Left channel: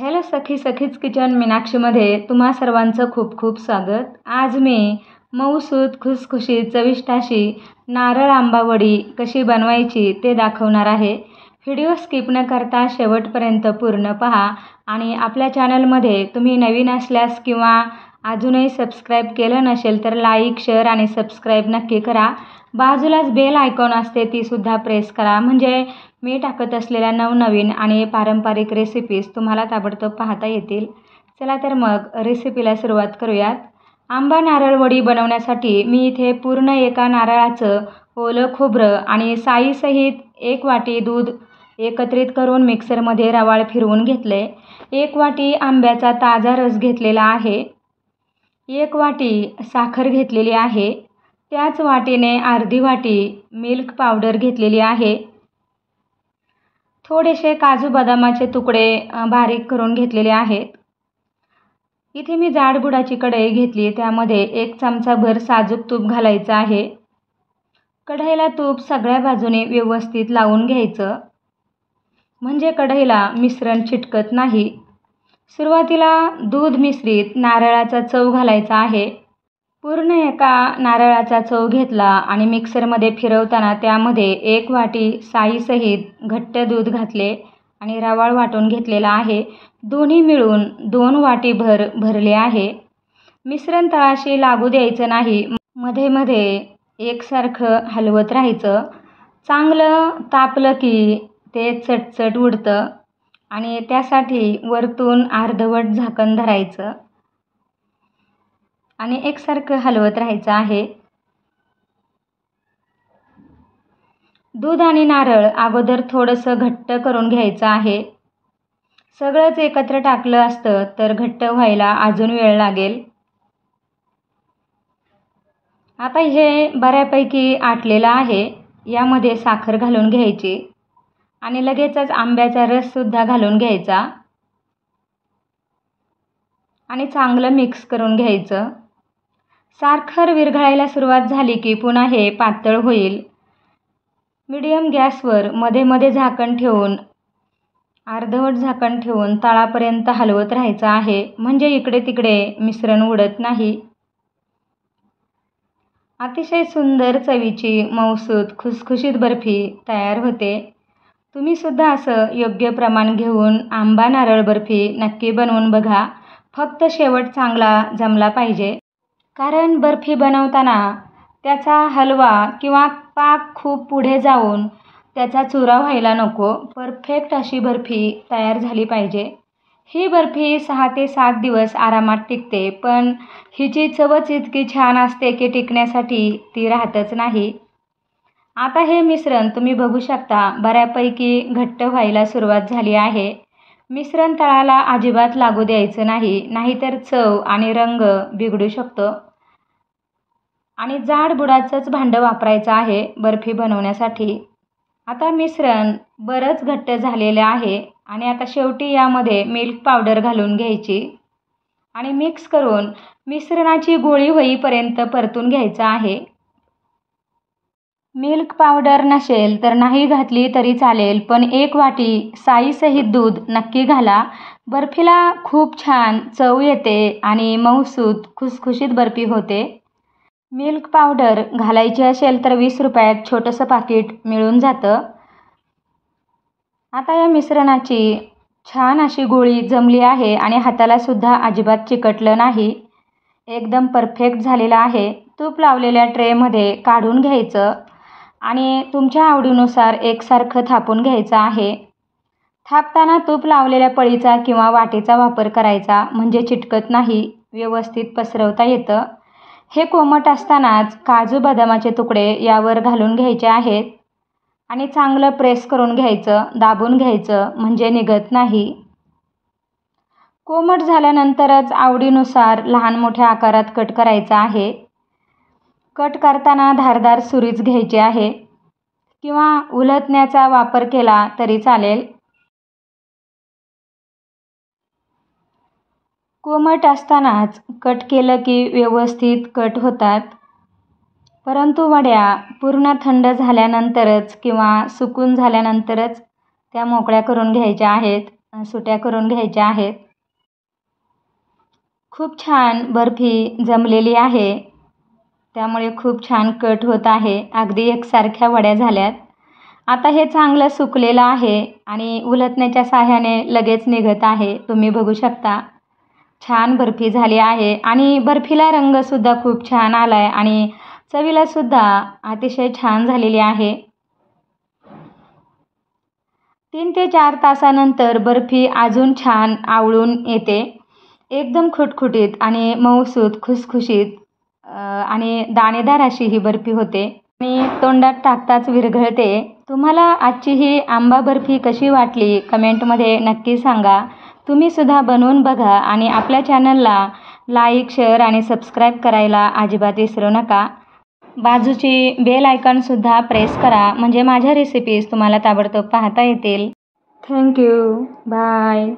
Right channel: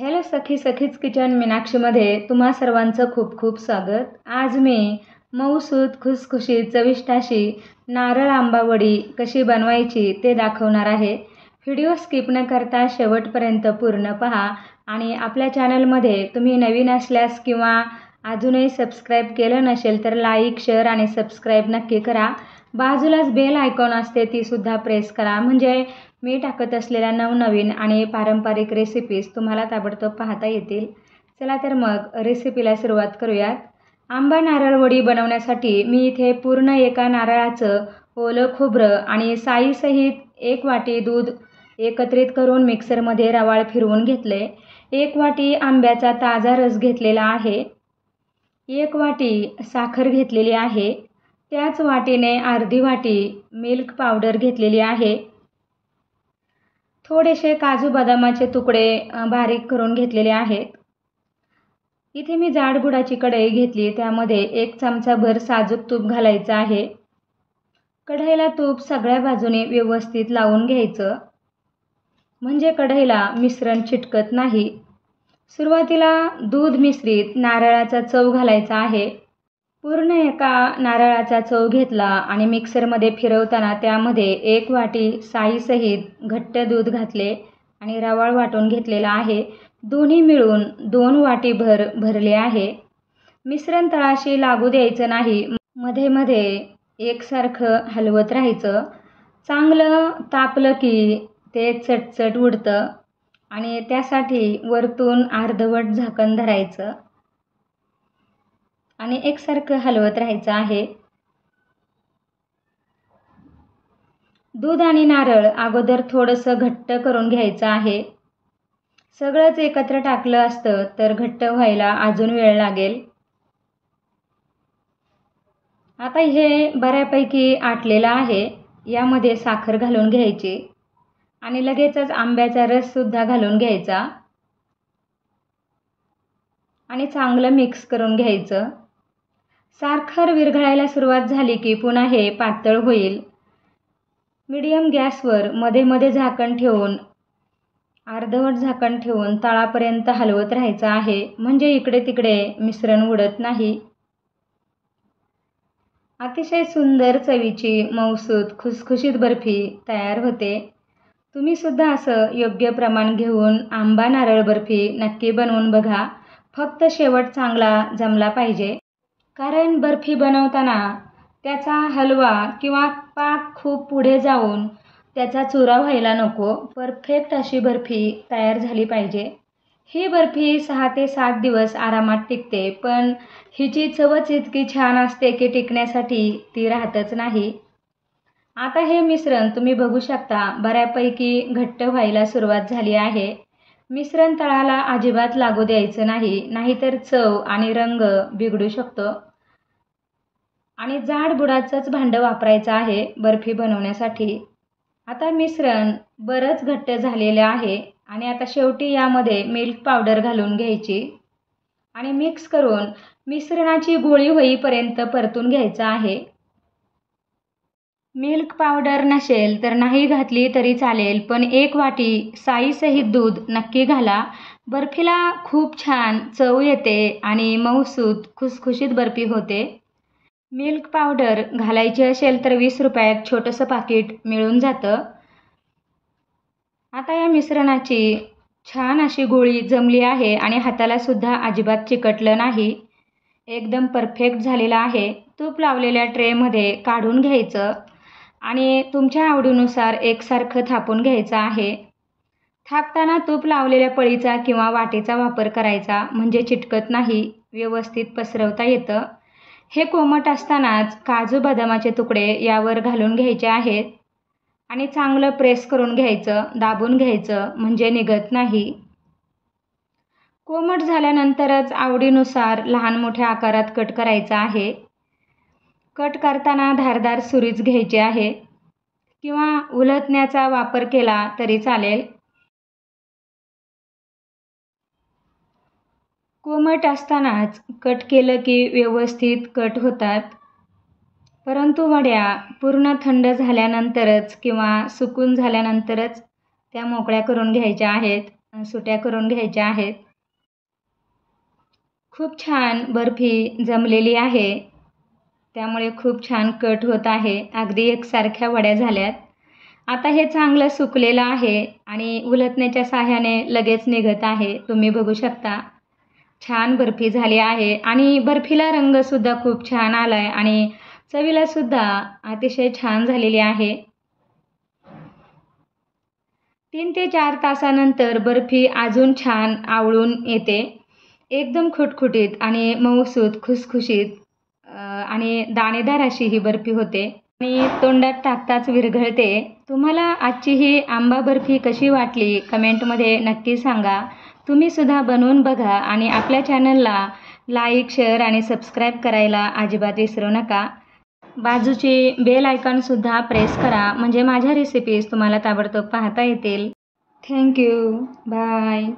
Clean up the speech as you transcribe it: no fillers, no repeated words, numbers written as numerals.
Hello सखीच kitchen मीनाक्षीमध्ये तुम्हा सर्वांचं खूप खूप स्वागत. आज मी मऊसूत खुसखुशीत चविष्ट अशी नारळ आंबा वडी कशी बनवायची ते दाखवणार आहे. व्हिडिओ स्किप न करता शेवटपर्यंत पूर्ण पहा आणि आपल्या चॅनलमध्ये तुम्ही नवीन असल्यास किंवा अजूनही सबस्क्राईब केलं नसेल तर लाईक, शेअर आणि सबस्क्राईब नक्की करा. बाजूलाच बेल आयकॉन असते तीसुद्धा प्रेस करा, म्हणजे मी टाकत असलेल्या नवनवीन आणि पारंपरिक रेसिपीज तुम्हाला ताबडतोब पाहता येतील. चला तर मग रेसिपीला सुरुवात करूयात. आंबा नारळ वडी बनवण्यासाठी मी इथे पूर्ण एका नारळाचं ओलं खोबरं आणि साईसहित 1 वाटी दूध एकत्रित करून मिक्सरमध्ये रवाळ फिरवून घेतले. 1 वाटी आंब्याचा ताजा रस घेतलेला आहे. 1 वाटी साखर घेतलेली आहे. त्याच वाटीने अर्धी वाटी मिल्क पावडर घेतलेली आहे. थोडेसे काजू बदामाचे तुकडे बारीक करून घेतलेले आहेत. इथे मी जाड बुडाची कढई घेतली, त्यामध्ये 1 चमचाभर साजूक तूप घालायचं आहे. कढईला तूप सगळ्या बाजूने व्यवस्थित लावून घ्यायचं, म्हणजे कढईला मिश्रण चिटकत नाही. सुरुवातीला दूध मिश्रित नारळाचा चव घालायचा आहे. पूर्ण एका नारळाचा चव घेतला आणि मिक्सरमध्ये फिरवताना त्यामध्ये 1 वाटी साईसहित घट्ट दूध घातले आणि रवाळ वाटून घेतलेला आहे. दोन्ही मिळून 2 वाटीभर भरले आहे. मिश्रण तळाशी लागू द्यायचं नाही, मध्ये मध्ये एकसारखं हलवत राहायचं. चांगलं तापलं की ते चटचट उडतं आणि त्यासाठी वरतून अर्धवट झाकण धरायचं आणि एकसारखं हलवत राहायचं आहे. दूध आणि नारळ अगोदर थोडंसं घट्ट करून घ्यायचं आहे. सगळंच एकत्र टाकलं असतं तर घट्ट व्हायला अजून वेळ लागेल. आता हे बऱ्यापैकी आटलेलं आहे. यामध्ये साखर घालून घ्यायची आणि लगेचच आंब्याचा रससुद्धा घालून घ्यायचा आणि चांगलं मिक्स करून घ्यायचं. साखर विरघळायला सुरुवात झाली की पुन्हा हे पातळ होईल. मीडियम गॅसवर मध्ये मध्ये झाकण ठेवून अर्धवट झाकण ठेवून तळापर्यंत हलवत राहायचं आहे, म्हणजे इकडे तिकडे मिश्रण उडत नाही. अतिशय सुंदर चवीची मऊसूत खुसखुशीत बर्फी तयार होते. तुम्ही सुद्धा असं योग्य प्रमाण घेऊन आंबा नारळ बर्फी नक्की बनवून बघा. फक्त शेवट चांगला जमला पाहिजे, कारण बर्फी बनवताना त्याचा हलवा किंवा पाक खूप पुढे जाऊन त्याचा चुरा व्हायला नको. परफेक्ट अशी बर्फी तयार झाली पाहिजे. ही बर्फी 6 ते 7 दिवस आरामात टिकते, पण हिची चवच इतकी छान असते की टिकण्यासाठी ती राहतच नाही. आता हे मिश्रण तुम्ही बघू शकता बऱ्यापैकी घट्ट व्हायला सुरुवात झाली आहे. मिश्रण तळाला अजिबात लागू द्यायचं नाही, नाहीतर चव आणि रंग बिघडू शकतो. आणि जाड बुडाचंच भांडं वापरायचं आहे बर्फी बनवण्यासाठी. आता मिश्रण बरंच घट्ट झालेलं आहे आणि आता शेवटी यामध्ये मिल्क पावडर घालून घ्यायची आणि मिक्स करून मिश्रणाची गोळी होईपर्यंत परतून घ्यायचं आहे. मिल्क पावडर नसेल तर नाही घातली तरी चालेल, पण 1 वाटी साईसहित दूध नक्की घाला. बर्फीला खूप छान चव येते आणि मऊसूत खुसखुशीत बर्फी होते. मिल्क पावडर घालायची असेल तर 20 रुपयात छोटंसं पाकिट मिळून जातं. आता या मिश्रणाची छान अशी गोळी जमली आहे आणि हाताला सुद्धा अजिबात चिकटलं नाही. एकदम परफेक्ट झालेला आहे. तूप लावलेल्या ट्रेमध्ये काढून घ्यायचं आणि तुमच्या आवडीनुसार एकसारखं थापून घ्यायचं आहे. थापताना तूप लावलेल्या पळीचा किंवा वाटीचा वापर करायचा, म्हणजे चिटकत नाही, व्यवस्थित पसरवता येतं. हे कोमट असतानाच काजू बदामाचे तुकडे यावर घालून घ्यायचे आहेत आणि चांगलं प्रेस करून घ्यायचं, दाबून घ्यायचं, म्हणजे निघत नाही. कोमट झाल्यानंतरच आवडीनुसार लहान मोठ्या आकारात कट करायचा आहे. कट करताना धारदार सुरीच घ्यायची आहे किंवा उलथण्याचा वापर केला तरी चालेल. कोमट असतानाच कट केलं की व्यवस्थित कट होतात, परंतु वड्या पूर्ण थंड झाल्यानंतरच किंवा सुकून झाल्यानंतरच त्या मोकळ्या करून घ्यायच्या आहेत. सुट्या करून घ्यायच्या आहेत. खूप छान बर्फी जमलेली आहे, त्यामुळे खूप छान कट होत आहे. अगदी एकसारख्या वड्या झाल्यात. आता हे चांगलं सुकलेलं आहे आणि उलटण्याच्या साहाय्याने लगेच निघत आहे. तुम्ही बघू शकता छान बर्फी झाली आहे आणि बर्फीला रंगसुद्धा खूप छान आला आहे आणि चवीलासुद्धा अतिशय छान झालेली आहे. 3 ते 4 तासानंतर बर्फी अजून छान आवळून येते. एकदम खुटखुटीत आणि मऊसूत, खुसखुशीत आणि दाणेदार अशी ही बर्फी होते आणि तोंडात टाकताच विरघळते. तुम्हाला आजची ही आंबा बर्फी कशी वाटली कमेंटमध्ये नक्की सांगा. तुम्हीसुद्धा बनवून बघा आणि आपल्या चॅनलला लाईक, शेअर आणि सबस्क्राईब करायला अजिबात विसरू नका. बाजूची बेल आयकॉनसुद्धा प्रेस करा, म्हणजे माझ्या रेसिपीज तुम्हाला ताबडतोब पाहता येतील. थँक्यू. बाय.